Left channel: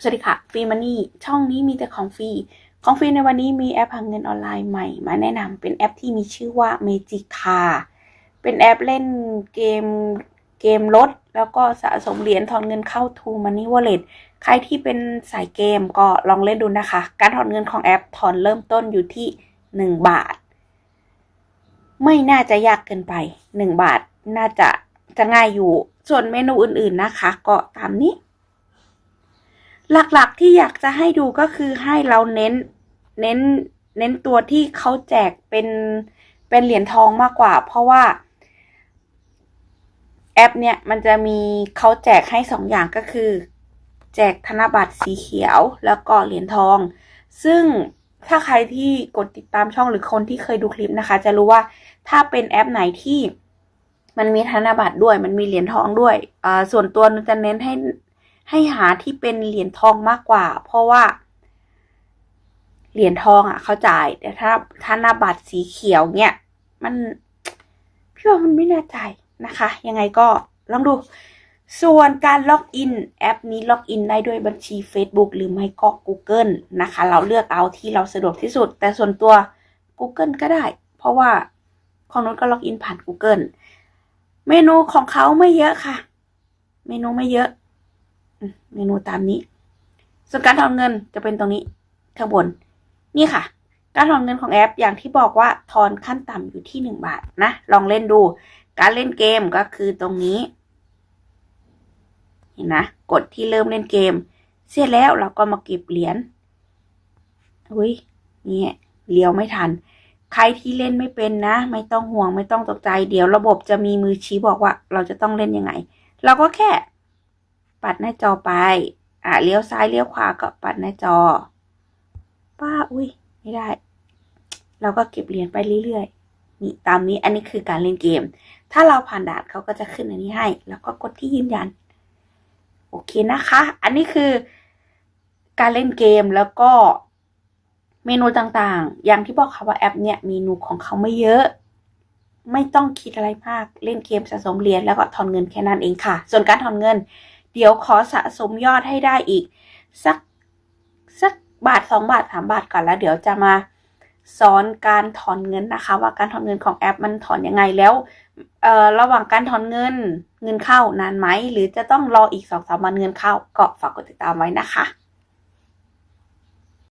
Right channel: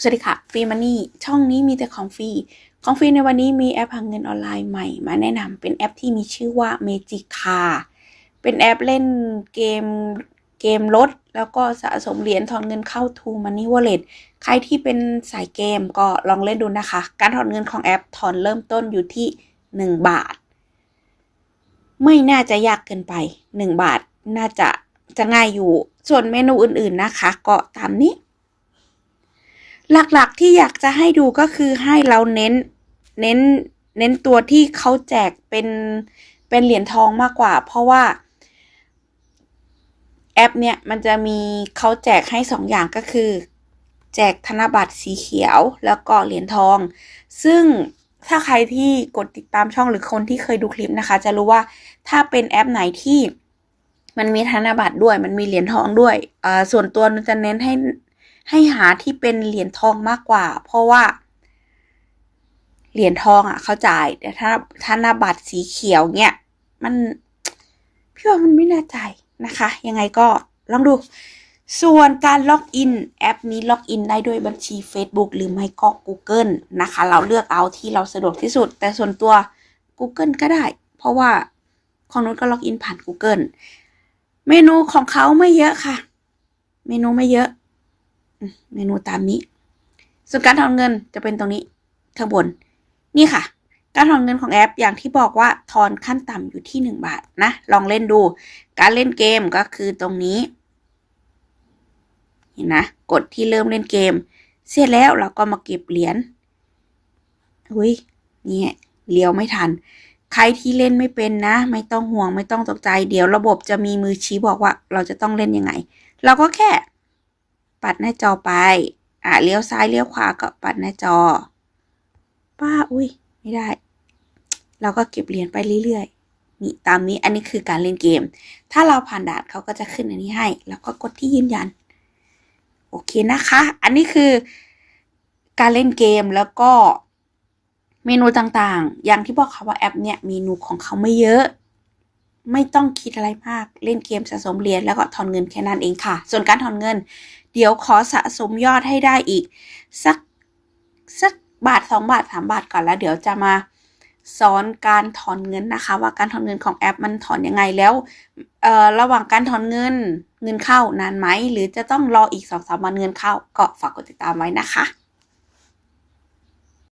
สวัสดีค่ะฟรีมันนี่ช่องนี้มีแต่ของฟรี ของฟรีในวันนี้มีแอปหาเงินออนไลน์ใหม่ มาแนะนำเป็นแอปที่มีชื่อว่า Magic Car เป็นแอปเล่นเกมเกมรถ แล้วก็สะสมเหรียญถอนเงินเข้า To Money Wallet ใครที่เป็นสายเกมก็ลองเล่นดูนะคะ การถอนเงินของแอปถอนเริ่มต้นอยู่ที่ 1 บาท ไม่น่าจะยากเกินไป 1 บาทน่าจะจะง่ายอยู่ ส่วนเมนูอื่นๆนะคะ ก็ตามนี้ หลักๆที่อยากจะให้ดูก็คือให้เราเน้นเน้นเน้นตัวที่เขาแจกเป็นเป็นเหรียญทองมากกว่า เพราะว่า แอปเนี่ยมันจะมีเขาแจกให้สองอย่างก็คือ แจกธนบัตรสีเขียวแล้วก็เหรียญทอง ซึ่งถ้าใครที่กดติดตามช่องหรือคนที่เคยดูคลิปนะคะ จะรู้ว่าถ้าเป็นแอปไหนที่มันมีธนบัตรด้วย มันมีเหรียญทองด้วยอ่าส่วนตัวนุจะเน้นให้ ให้หาที่เป็นเหรียญทองมากกว่า เพราะว่า เหรียญทองอะ เขาจ่ายแต่ถ้าธนบัตรสีเขียวเนี่ย มันพี่ว่ามันไม่น่าจ่ายนะคะ ยังไงก็ลองดู ส่วนการล็อกอินแอปนี้ล็อกอินได้ด้วยบัญชี Facebook หรือไม่ก็ Google นะคะ เราเลือกเอาที่เราสะดวกที่สุด แต่ส่วนตัว Google ก็ได้ เพราะว่าของนุชก็ล็อกอินผ่าน Google เมนูของเขาไม่เยอะค่ะ เมนูไม่เยอะ เมนูตามนี้ ส่วนการถอนเงินจะเป็นตรงนี้ข้างบน นี่ค่ะ การถอนเงินของแอปอย่างที่บอกว่าถอนขั้นต่ำอยู่ที่ 1 บาทนะ ลองเล่นดู การเล่นเกมก็คือตรงนี้เห็นนะ กดที่เริ่มเล่นเกม เสร็จแล้วเราก็มาเก็บเหรียญอุ้ยนี่เลี้ยวไม่ทัน ใครที่เล่นไม่เป็นนะ ไม่ต้องห่วงไม่ต้องตกใจ เดี๋ยวระบบจะมีมือชี้บอกว่า เราจะต้องเล่นยังไง เราก็แค่ ปัดหน้าจอไป อะเลี้ยวซ้ายเลี้ยวขวาก็ปัดหน้าจอ ป้าอุ้ยไม่ได้ เราก็เก็บเหรียญไปเรื่อยๆนี่ตามนี้อันนี้คือการเล่นเกม ถ้าเราผ่านด่านเขาก็จะขึ้นอันนี้ให้ แล้วก็กดที่ยืนยัน โอเคนะคะ อันนี้คือการเล่นเกมแล้วก็เมนูต่างๆ อย่างที่บอกค่ะว่าแอปเนี่ยเมนูของเขาไม่เยอะ ไม่ต้องคิดอะไรมาก เล่นเกมสะสมเหรียญแล้วก็ถอนเงินแค่นั้นเองค่ะ ส่วนการถอนเงิน เดี๋ยวขอสะสมยอดให้ได้อีก สักสักบาทสองบาทสามบาทก่อนแล้วเดี๋ยวจะมาสอนการถอนเงินนะคะ ว่าการถอนเงินของแอปมันถอนยังไงแล้วเอ่อระหว่างการถอนเงินเงินเข้านานไหม หรือจะต้องรออีกสองสามวันเงินเข้าก็ฝากกดติดตามไว้นะคะ